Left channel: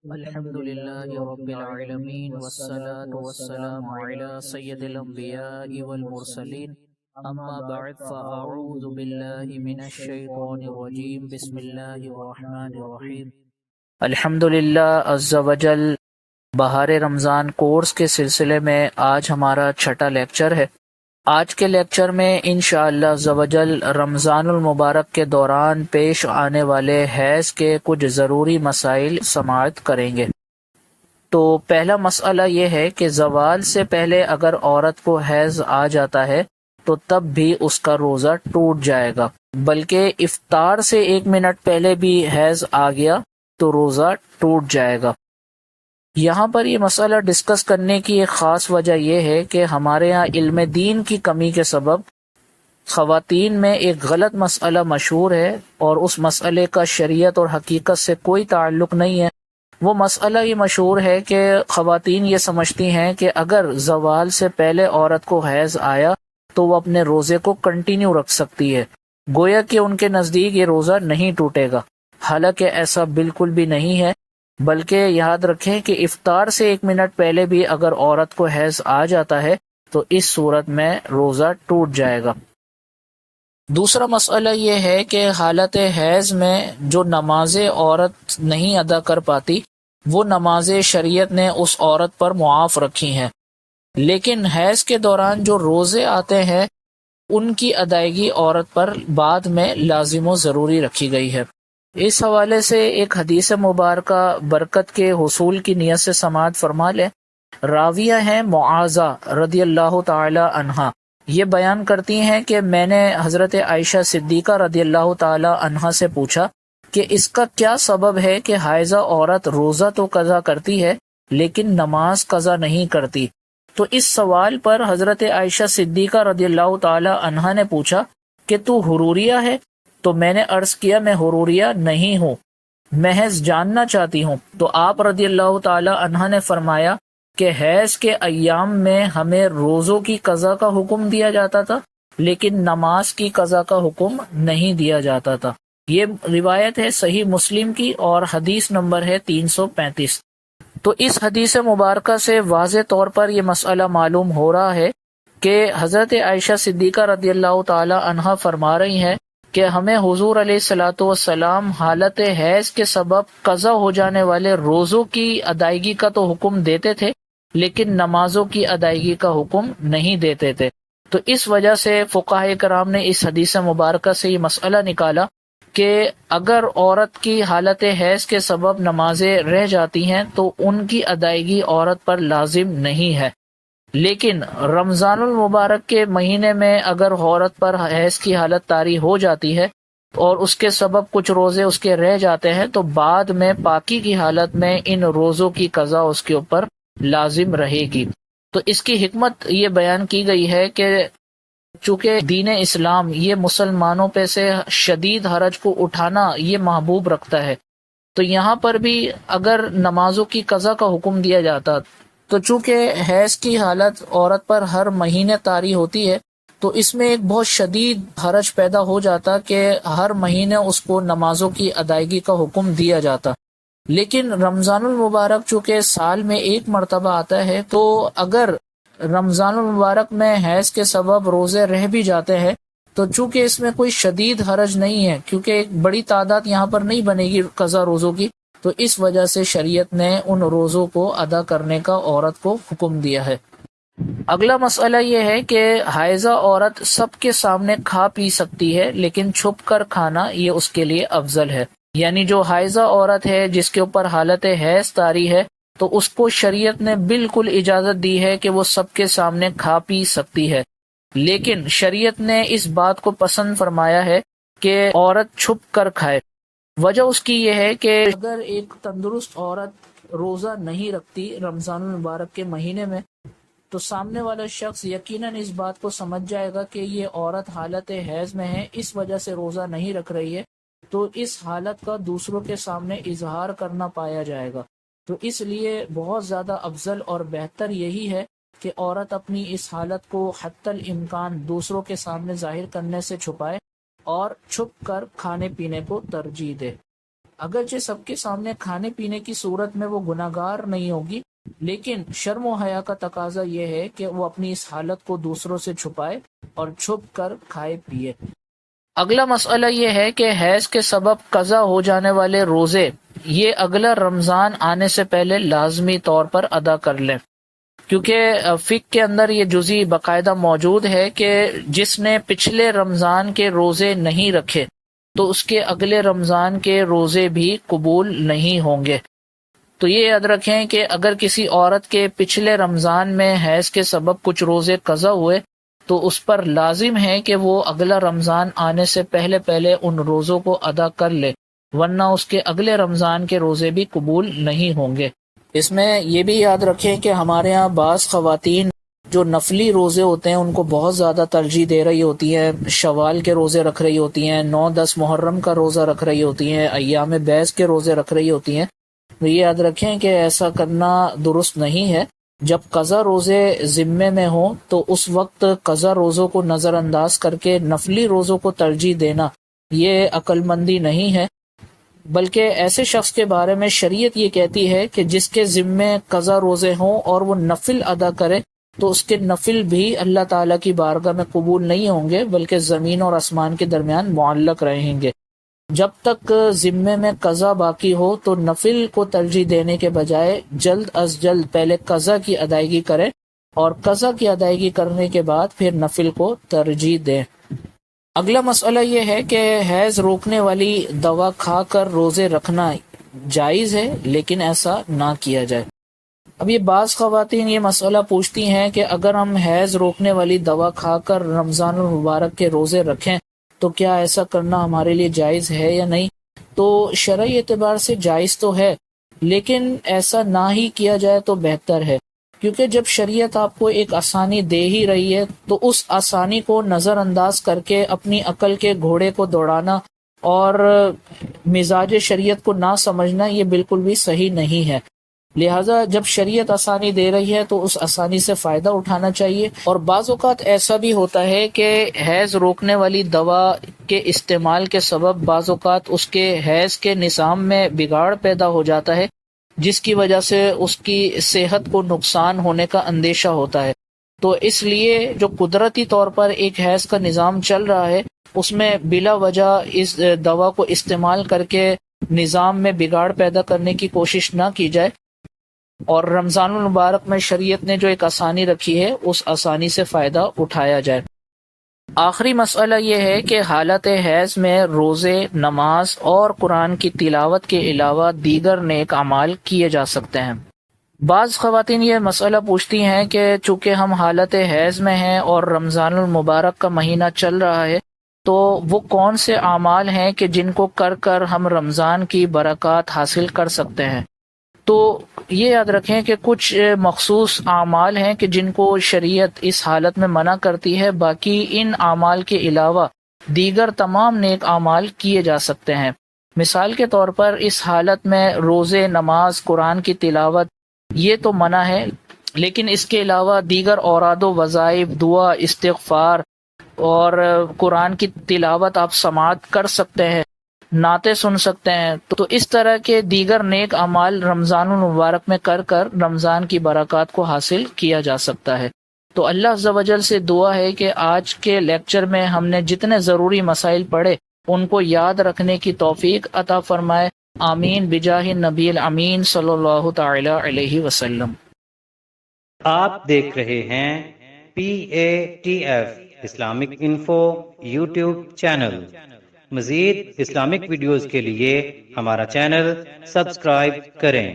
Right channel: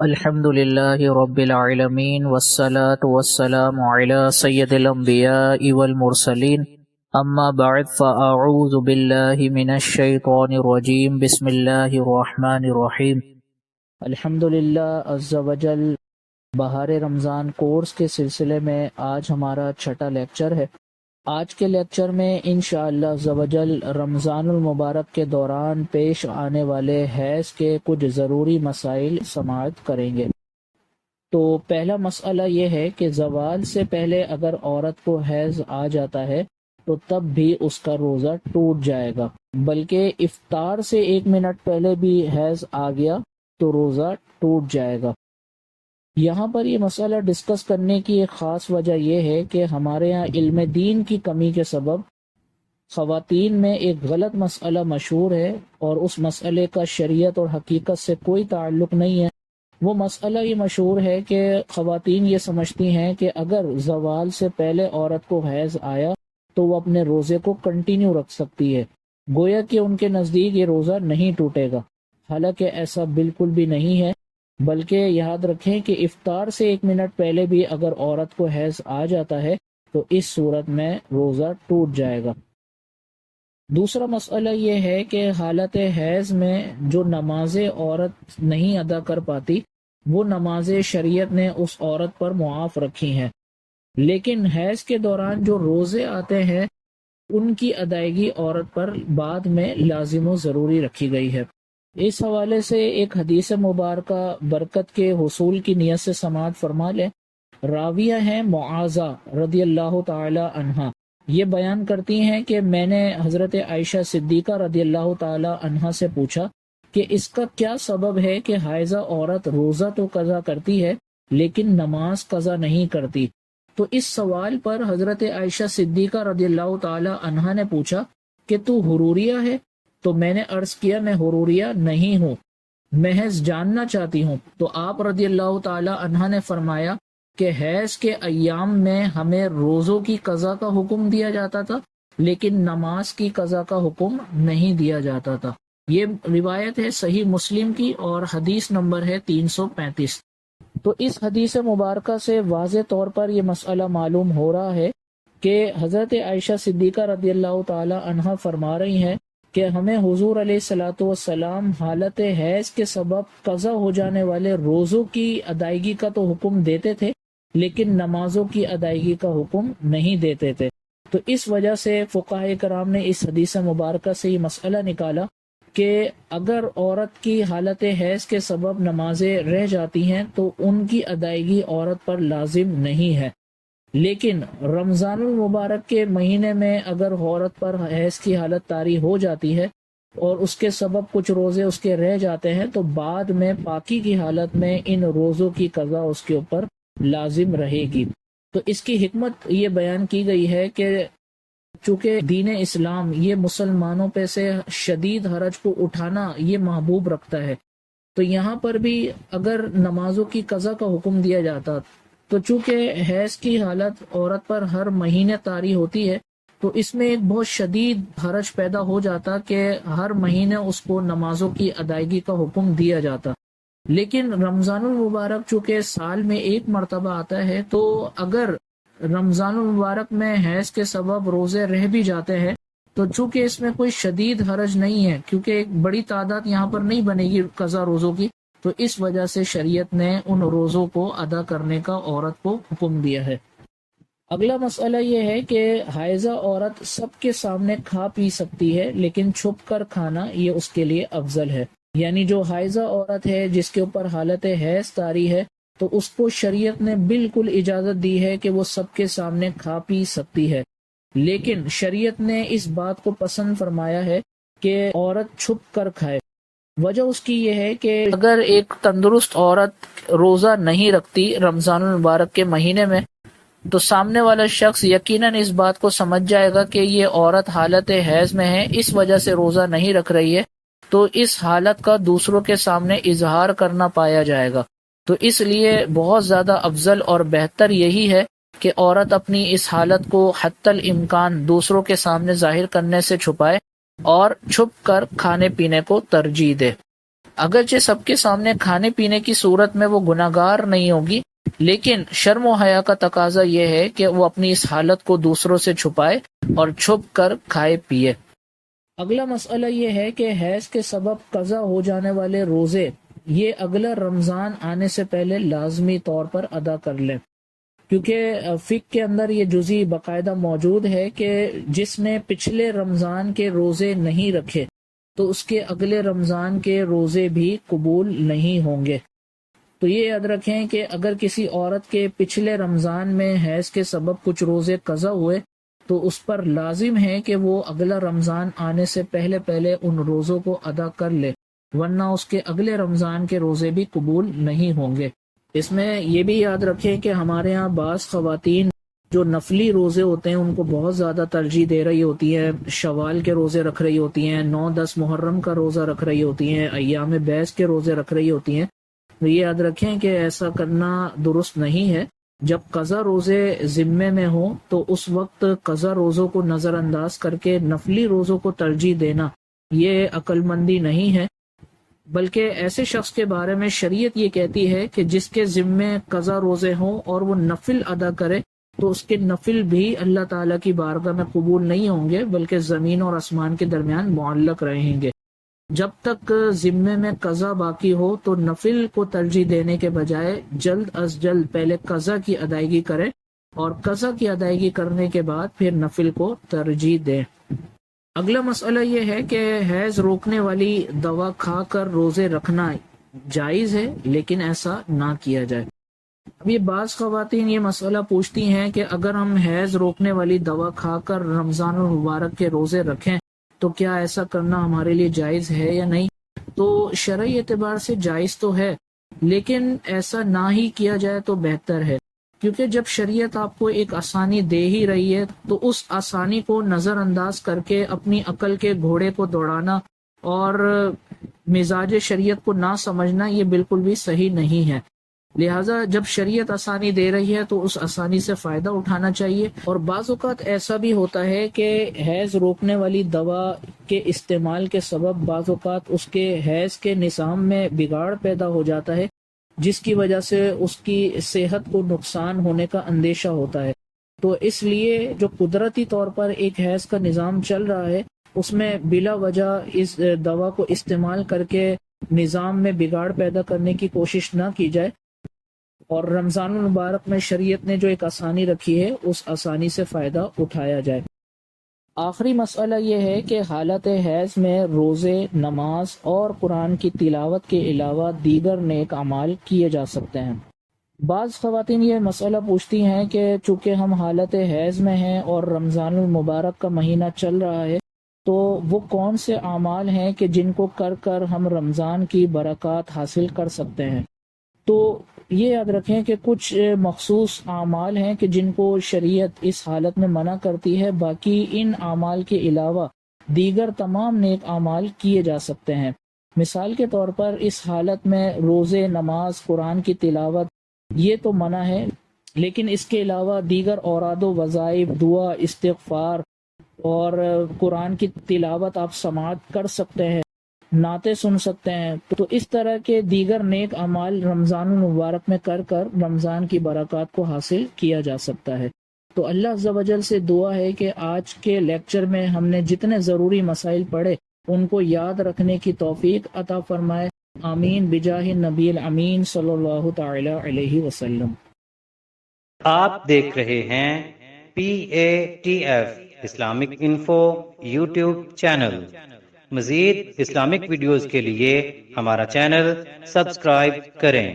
الحمد لله رب العالمين والصلاة والسلام على سيد الأنبياء والمرسلين أما بعد فأعوذ بالله من الشيطان الرجيم بسم الله الرحمن الرحيم الحمد للہ عز وجل بہار رمضان کورس کے سلسلے میں آج ہمارا چھٹا لیکچر ہے۔ آج کے لیکچر میں انشاءاللہ عز وجل رمضان المبارک کے دوران پیش آنے والے حیض کے کچھ ضروری مسائل سماعت کریں گے۔ تو پہلا مسئلہ یہ ہے کہ زوال سے پہلے اگر عورت کو حیض آ جاتا ہے تو تب بھی اس کا روزہ ٹوٹ جائے گا، بلکہ افطار سے 1 منٹ پہلے بھی حیض آ گیا تو روزہ ٹوٹ جائے گا۔ یہاں پر یہ مسئلہ ڈسکس کرنے کی ایک خاص وجہ یہ ہے کہ ہمارے ہاں علم دین کی کمی کے سبب خواتین میں ایک غلط مسئلہ مشہور ہے، اور اس مسئلے کا شریعت اور حقیقت سے کوئی تعلق نہیں ہے۔ وہ مسئلہ یہ مشہور ہے کہ خواتین یہ سمجھتی ہیں کہ اگر زوال سے پہلے عورت کو حیض آیا تو وہ اپنے روزے کو کنٹینیو رکھ سکتی ہے، گویا کہ ان کے نزدیک یہ روزہ نہیں ٹوٹے گا، حالانکہ ایسا بالکل بھی نہیں ہے۔ بلکہ یاد رکھیں کہ افطار سے 1 منٹ پہلے بھی اگر عورت کو حیض آ جاتا ہے تو اس صورت میں روزہ ٹوٹ جائے گا۔ دوسرا مسئلہ یہ ہے کہ حالت حیض میں جو نمازیں عورت نہیں ادا کر پاتی وہ نمازیں شریعت نے اس عورت پر معاف رکھی ہیں، لیکن حیض کے دوران جو روزے آتے ہیں ان کی ادائیگی عورت پر بعد میں لازم و ضروری رکھی گئی ہے۔ اس حوالے سے ایک حدیث مبارکہ برکت کے حصول کی نیت سے سماعت فرما لیں۔ راویہ ہیں معاذہ رضی اللہ تعالی عنہا، یہ بیان کرتی ہیں کہ میں نے حضرت عائشہ صدیقہ رضی اللہ تعالی عنہا سے پوچھا کہ اس کا کیا سبب ہے کہ حائضہ عورت روزہ تو قضا کرتی ہے لیکن نماز قضا نہیں کرتی۔ تو اس سوال پر حضرت عائشہ صدیقہ رضی اللہ تعالی عنہا نے پوچھا کہ تو حروریہ ہے؟ تو میں نے عرض کیا میں حروریہ نہیں ہوں، محض جاننا چاہتی ہوں۔ تو آپ رضی اللہ تعالی عنہ نے فرمایا کہ حیض کے ایام میں ہمیں روزوں کی قضا کا حکم دیا جاتا تھا لیکن نماز کی قضا کا حکم نہیں دیا جاتا تھا۔ یہ روایت ہے صحیح مسلم کی اور حدیث نمبر ہے 335۔ تو اس حدیث مبارکہ سے واضح طور پر یہ مسئلہ معلوم ہو رہا ہے کہ حضرت عائشہ صدیقہ رضی اللہ تعالی عنہ فرما رہی ہیں کہ ہمیں حضور علیہ الصلوۃ والسلام حالت حیض کے سبب قضا ہو جانے والے روزوں کی ادائیگی کا تو حکم دیتے تھے لیکن نمازوں کی ادائیگی کا حکم نہیں دیتے تھے۔ تو اس وجہ سے فقہاء کرام نے اس حدیث مبارکہ سے یہ مسئلہ نکالا کہ اگر عورت کی حالت حیض کے سبب نمازیں رہ جاتی ہیں تو ان کی ادائیگی عورت پر لازم نہیں ہے، لیکن رمضان المبارک کے مہینے میں اگر عورت پر حیض کی حالت طاری ہو جاتی ہے اور اس کے سبب کچھ روزے اس کے رہ جاتے ہیں تو بعد میں پاکی کی حالت میں ان روزوں کی قضا اس کے اوپر لازم رہے گی۔ تو اس کی حکمت یہ بیان کی گئی ہے کہ چونکہ دین اسلام یہ مسلمانوں پہ سے شدید حرج کو اٹھانا یہ محبوب رکھتا ہے، تو یہاں پر بھی اگر نمازوں کی قضا کا حکم دیا جاتا تو چونکہ حیض کی حالت عورت پر ہر مہینے طاری ہوتی ہے تو اس میں ایک بہت شدید حرج پیدا ہو جاتا کہ ہر مہینے اس کو نمازوں کی ادائیگی کا حکم دیا جاتا۔ لیکن رمضان المبارک چونکہ سال میں 1 مرتبہ آتا ہے تو اگر رمضان المبارک میں حیض کے سبب روزے رہ بھی جاتے ہیں تو چونکہ اس میں کوئی شدید حرج نہیں ہے، کیونکہ ایک بڑی تعداد یہاں پر نہیں بنے گی قضا روزوں کی، تو اس وجہ سے شریعت نے ان روزوں کو ادا کرنے کا عورت کو حکم دیا ہے۔ اگلا مسئلہ یہ ہے کہ حائضہ عورت سب کے سامنے کھا پی سکتی ہے لیکن چھپ کر کھانا یہ اس کے لیے افضل ہے۔ یعنی جو حائضہ عورت ہے جس کے اوپر حالت حیض طاری ہے تو اس کو شریعت نے بالکل اجازت دی ہے کہ وہ سب کے سامنے کھا پی سکتی ہے، لیکن شریعت نے اس بات کو پسند فرمایا ہے کہ عورت چھپ کر کھائے۔ وجہ اس کی یہ ہے کہ اگر ایک تندرست عورت روزہ نہیں رکھتی رمضان المبارک کے مہینے میں تو سامنے والا شخص یقیناً اس بات کو سمجھ جائے گا کہ یہ عورت حالت حیض میں ہے، اس وجہ سے روزہ نہیں رکھ رہی ہے، تو اس حالت کا دوسروں کے سامنے اظہار کرنا پایا جائے گا۔ تو اس لیے بہت زیادہ افضل اور بہتر یہی ہے کہ عورت اپنی اس حالت کو حتی الامکان دوسروں کے سامنے ظاہر کرنے سے چھپائے اور چھپ کر کھانے پینے کو ترجیح دے۔ اگرچہ سب کے سامنے کھانے پینے کی صورت میں وہ گناہگار نہیں ہوگی، لیکن شرم و حیا کا تقاضا یہ ہے کہ وہ اپنی اس حالت کو دوسروں سے چھپائے اور چھپ کر کھائے پیے۔ اگلا مسئلہ یہ ہے کہ حیض کے سبب قضا ہو جانے والے روزے یہ اگلا رمضان آنے سے پہلے لازمی طور پر ادا کر لیں، کیونکہ فقہ کے اندر یہ جزئی باقاعدہ موجود ہے کہ جس نے پچھلے رمضان کے روزے نہیں رکھے تو اس کے اگلے رمضان کے روزے بھی قبول نہیں ہوں گے۔ تو یہ یاد رکھیں کہ اگر کسی عورت کے پچھلے رمضان میں حیض کے سبب کچھ روزے قضا ہوئے تو اس پر لازم ہے کہ وہ اگلا رمضان آنے سے پہلے ان روزوں کو ادا کر لے، ورنہ اس کے اگلے رمضان کے روزے بھی قبول نہیں ہوں گے۔ اس میں یہ بھی یاد رکھیں کہ ہمارے ہاں بعض خواتین جو نفلی روزے ہوتے ہیں ان کو بہت زیادہ ترجیح دے رہی ہوتی ہیں، شوال کے روزے رکھ رہی ہوتی ہیں، 9-10 محرم کا روزہ رکھ رہی ہوتی ہیں، ایام بیس کے روزے رکھ رہی ہوتی ہیں۔ تو یہ یاد رکھیں کہ ایسا کرنا درست نہیں ہے۔ جب قضا روزے ذمے میں ہوں تو اس وقت قضا روزوں کو نظر انداز کر کے نفلی روزوں کو ترجیح دینا یہ عقل مندی نہیں ہے، بلکہ ایسے شخص کے بارے میں شریعت یہ کہتی ہے کہ جس کے ذمے قضا روزے ہوں اور وہ نفل ادا کرے تو اس کے نفل بھی اللہ تعالیٰ کی بارگاہ میں قبول نہیں ہوں گے، بلکہ زمین اور آسمان کے درمیان معلق رہیں گے۔ جب تک ذمے میں قضا باقی ہو تو نفل کو ترجیح دینے کے بجائے جلد از جلد پہلے قضا کی ادائیگی کریں اور قضا کی ادائیگی کرنے کے بعد پھر نفل کو ترجیح دیں۔ اگلا مسئلہ یہ ہے کہ حیض روکنے والی دوا کھا کر روزے رکھنا جائز ہے، لیکن ایسا نہ کیا جائے۔ اب یہ بعض خواتین یہ مسئلہ پوچھتی ہیں کہ اگر ہم حیض روکنے والی دوا کھا کر رمضان المبارک کے روزے رکھیں تو کیا ایسا کرنا ہمارے لیے جائز ہے یا نہیں؟ تو شرعی اعتبار سے جائز تو ہے، لیکن ایسا نہ ہی کیا جائے تو بہتر ہے، کیونکہ جب شریعت آپ کو ایک آسانی دے ہی رہی ہے تو اس آسانی کو نظر انداز کر کے اپنی عقل کے گھوڑے کو دوڑانا اور مزاج شریعت کو نہ سمجھنا یہ بالکل بھی صحیح نہیں ہے۔ لہٰذا جب شریعت آسانی دے رہی ہے تو اس آسانی سے فائدہ اٹھانا چاہیے۔ اور بعض اوقات ایسا بھی ہوتا ہے کہ حیض روکنے والی دوا کے استعمال کے سبب بعض اوقات اس کے حیض کے نظام میں بگاڑ پیدا ہو جاتا ہے، جس کی وجہ سے اس کی صحت کو نقصان ہونے کا اندیشہ ہوتا ہے۔ تو اس لیے جو قدرتی طور پر ایک حیض کا نظام چل رہا ہے اس میں بلا وجہ اس دوا کو استعمال کر کے نظام میں بگاڑ پیدا کرنے کی کوشش نہ کی جائے، اور رمضان المبارک میں شریعت نے جو ایک آسانی رکھی ہے اس آسانی سے فائدہ اٹھایا جائے۔ آخری مسئلہ یہ ہے کہ حالت حیض میں روزے، نماز اور قرآن کی تلاوت کے علاوہ دیگر نیک اعمال کیے جا سکتے ہیں۔ بعض خواتین یہ مسئلہ پوچھتی ہیں کہ چونکہ ہم حالت حیض میں ہیں اور رمضان المبارک کا مہینہ چل رہا ہے تو وہ کون سے اعمال ہیں کہ جن کو کر کر ہم رمضان کی برکات حاصل کر سکتے ہیں؟ تو یہ یاد رکھیں کہ کچھ مخصوص اعمال ہیں کہ جن کو شریعت اس حالت میں منع کرتی ہے، باقی ان اعمال کے علاوہ دیگر تمام نیک اعمال کیے جا سکتے ہیں۔ مثال کے طور پر اس حالت میں روزے، نماز، قرآن کی تلاوت یہ تو منع ہے، لیکن اس کے علاوہ دیگر اوراد و وظائف، دعا، استغفار اور قرآن کی تلاوت آپ سماعت کر سکتے ہیں، نعتیں سن سکتے ہیں۔ تو اس طرح کے دیگر نیک اعمال رمضان المبارک میں کر کر رمضان کی برکات کو حاصل کیا جا سکتا ہے۔ تو اللہ عز و جل سے دعا ہے کہ آج کے لیکچر میں ہم نے جتنے ضروری مسائل پڑھے ان کو یاد رکھنے کی توفیق عطا فرمائے۔ آمین بجاہ نبی الامین صلی اللہ تعالی علیہ وسلم۔ آپ دیکھ رہے ہیں PATF Islamic info YouTube channel. مزید اسلامک ویڈیوز کے لیے ہمارا چینل سبسکرائب کریں۔